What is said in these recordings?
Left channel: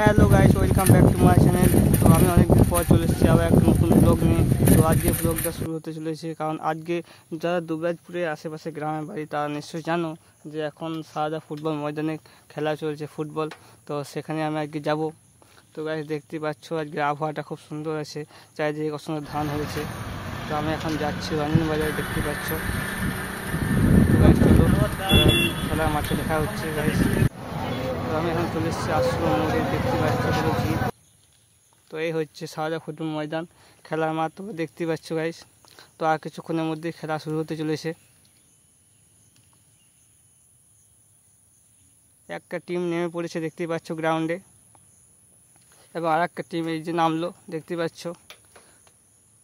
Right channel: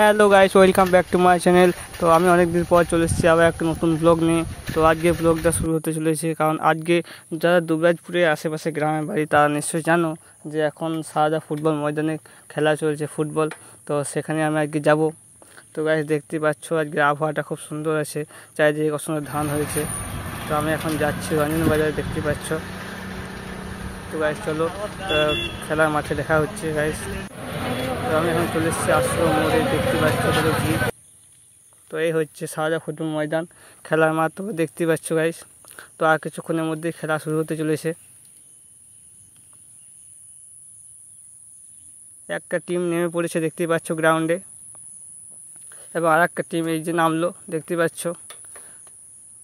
Hello guys, welcome back to my channel. তো আমি অনেক দিন পর চলে এসেছি আবার একটা নতুন ব্লগ নিয়ে। তো আজকে ব্লগটা শুরু হতে চলেছে, কারণ আজকে যারা দুবরাজপুরের আশেপাশে গ্রামের বাড়ি তারা নিশ্চয়ই জানো যে এখন সারদা ফুটবল ময়দানে খেলা চলছে ফুটবল। তো সেখানে আমি আজকে যাব। তো গাইস দেখতে পাচ্ছ আজকে আবহাওয়াটা খুব সুন্দর আছে, চারিদিকে কত সুন্দর ধান হয়েছে। তো আমি এখন যাচ্ছি রঞ্জন বাজারে, দেখতে পাচ্ছ। তো গাইস চলো খেলার মাঠে দেখা হচ্ছে গাইস। তো আমি এখন চলে এসেছি আশ্রম মোড়ে, দেখতে পাচ্ছ কত ভিড়। তো এই হচ্ছে সারদা ফুটবল ময়দান, খেলার মাঠ তো দেখতে পাচ্ছ গাইস। তো আর কিছুক্ষণের মধ্যেই খেলা শুরু হতে চলেছে। একটা টিম নেমে পড়েছে দেখতে পাচ্ছ গ্রাউন্ডে, এবং আর একটা টিম এই যে নামলো দেখতে পাচ্ছ।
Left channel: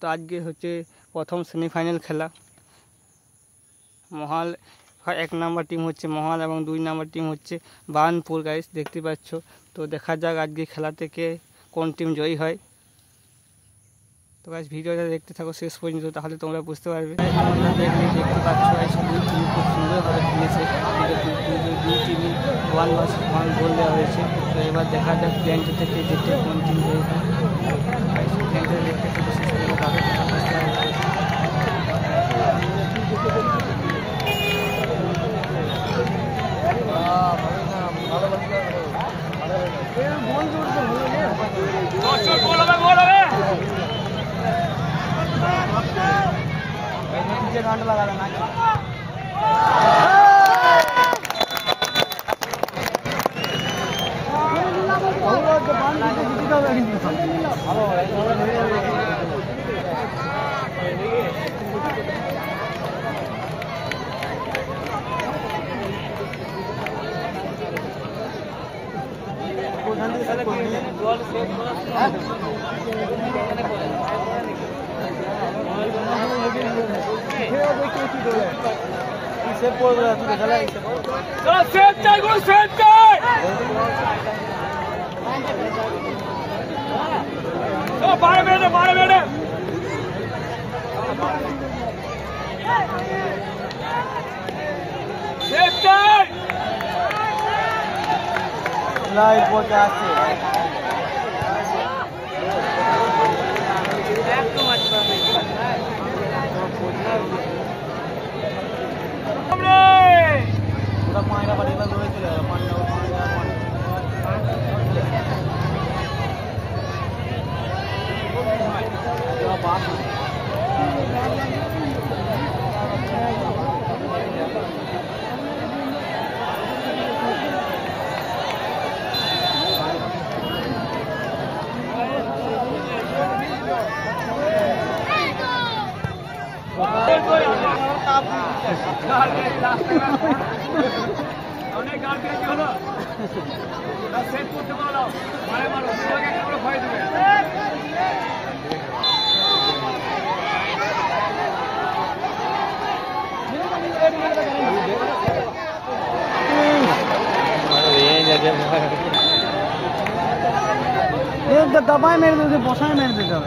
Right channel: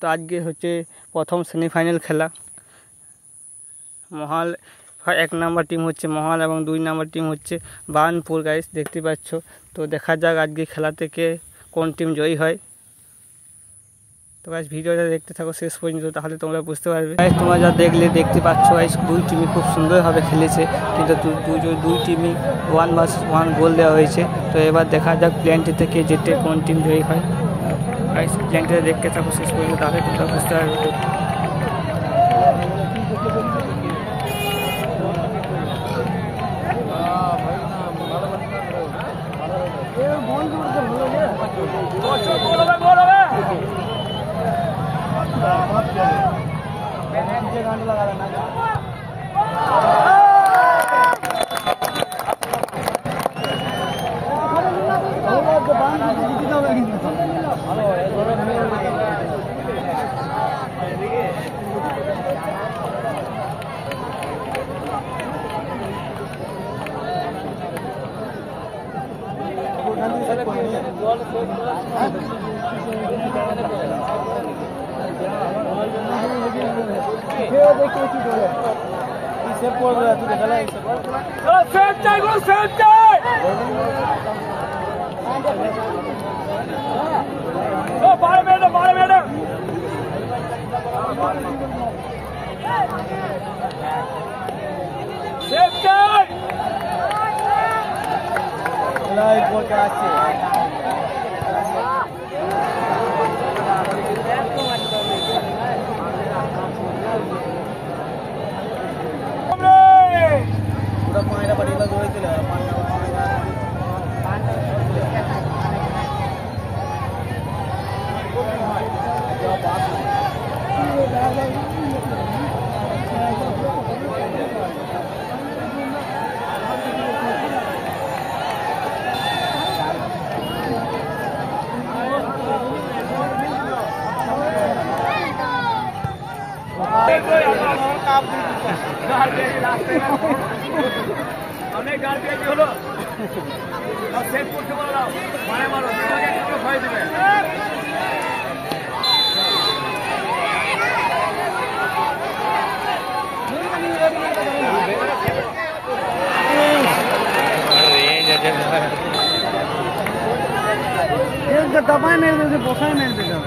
তো আজকে হচ্ছে প্রথম সেমিফাইনাল খেলা। মহাল 1 নম্বর টিম হচ্ছে মহাল, এবং 2 নম্বর টিম হচ্ছে বার্নপুর গাইস, দেখতে পাচ্ছ। তো দেখা যাক আজকে খেলা থেকে কোন টিম জয়ী হয়। তো গাইস ভিডিওটা দেখতে থাকো শেষ পর্যন্ত, তাহলে তোমরা বুঝতে পারবে। গাইস তোমরা যা দেখতে পাচ্ছ গাইস, 2 টিমই খুব সুন্দরভাবে খেলেছে, কিন্তু দুই টিমই 1-1 গোল দেওয়া হয়েছে। তো এবার দেখা যাক প্ল্যানটি থেকে যেতে কোন টিম জয়ী হয়। গাইস প্ল্যানটা দেখতে থাকো শেষ পর্যন্ত, তাহলে তোমরা বুঝতে পারবে। অনেক গাড়ি হলো সেট করতে পারো, মারে মারো ভয় দিবে। दबाए मेरे बसाई मेरे बेटा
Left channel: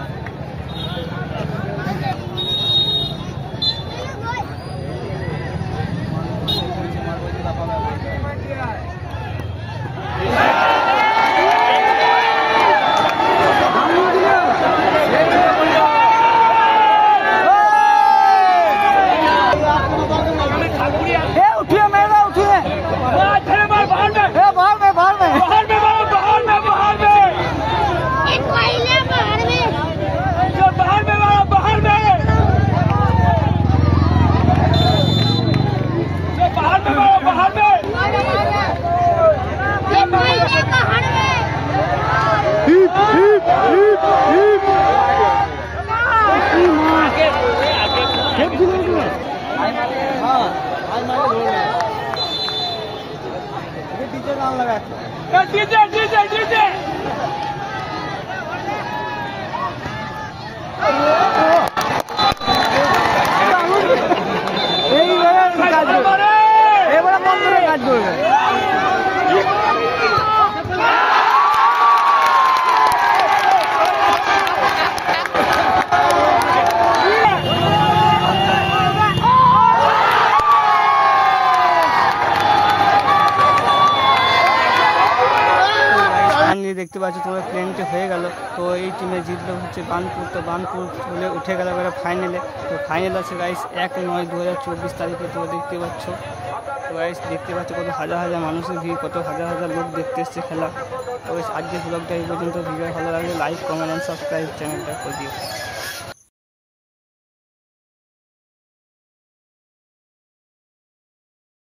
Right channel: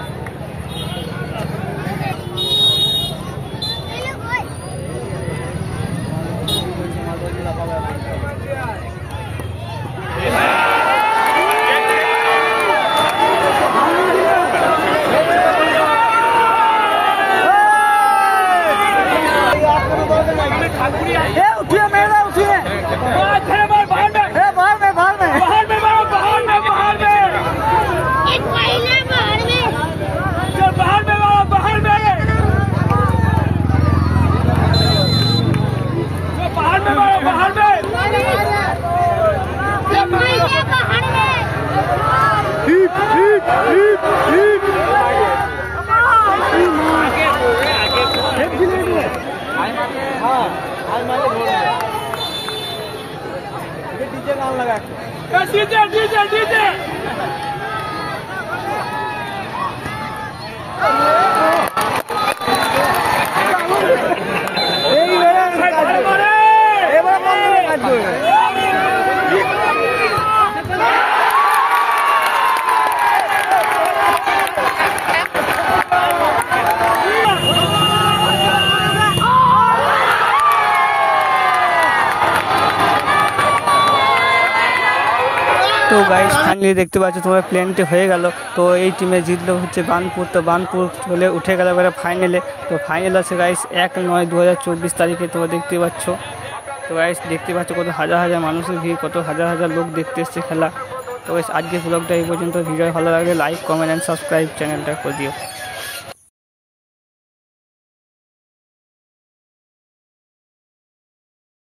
ফাইনালি দেখতে পাচ্ছ তোমার প্লেনটি হয়ে গেল। তো এই টিমে জিতলো হচ্ছে বার্নপুর। তো বার্নপুর চলে উঠে গেল এবারে ফাইনালে। তো ফাইনাল আছে গাইস 1/9/2024 তারিখে। তোমরা দেখতে পাচ্ছ। তো গাইস দেখতে পাচ্ছ কত হাজার হাজার মানুষের ভিড়, কত হাজার হাজার লোক দেখতে এসছে খেলা। তো গাইস আজকের ব্লগটা এই পর্যন্ত। ভিডিও ভালো লাগলে লাইক, কমেন্ট অ্যান্ড সাবস্ক্রাইব চ্যানেলটা করে দিও।